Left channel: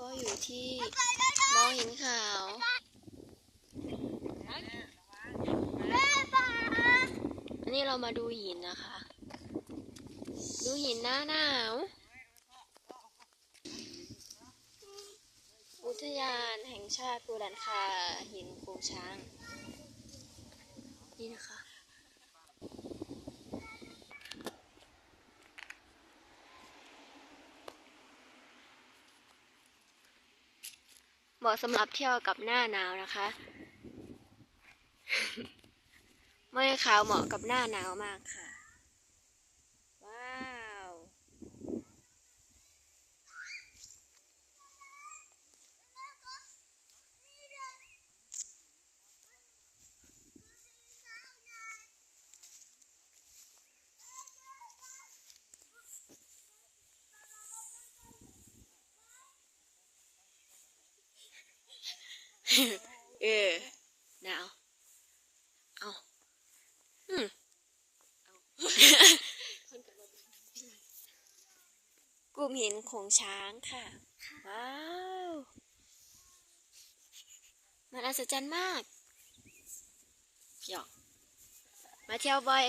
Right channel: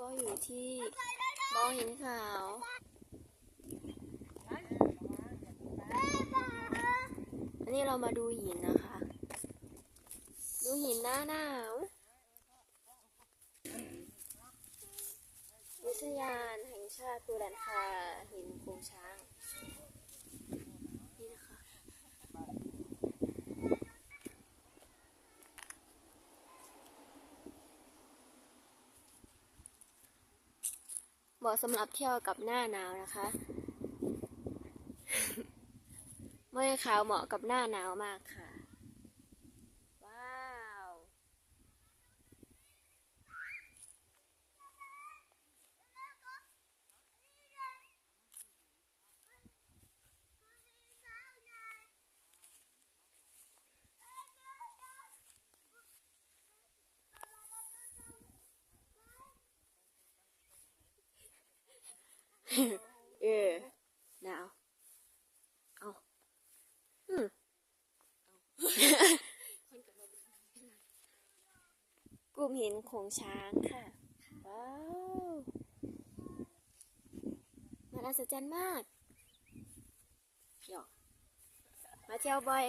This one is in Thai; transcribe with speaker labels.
Speaker 1: ก็อยู่ที่มองหินขาว อันนี้เรามาดูหินนะคะ ดูหินหน้าหนาว อุทยานแห่งชาติปูดันคาหินโคงช้าง นี่นะคะ เหมาะสำหรับเที่ยวกับหน้าหนาวนะคะไม่ขาวเหมาะกับหน้าหนาวมากค่ะ ว้าว เออหนาวเอาอืมกลุ่มหินของช้างค่ะ ว้าว มันอัศจรรย์มากหยอก มาเที่ยวบ่อย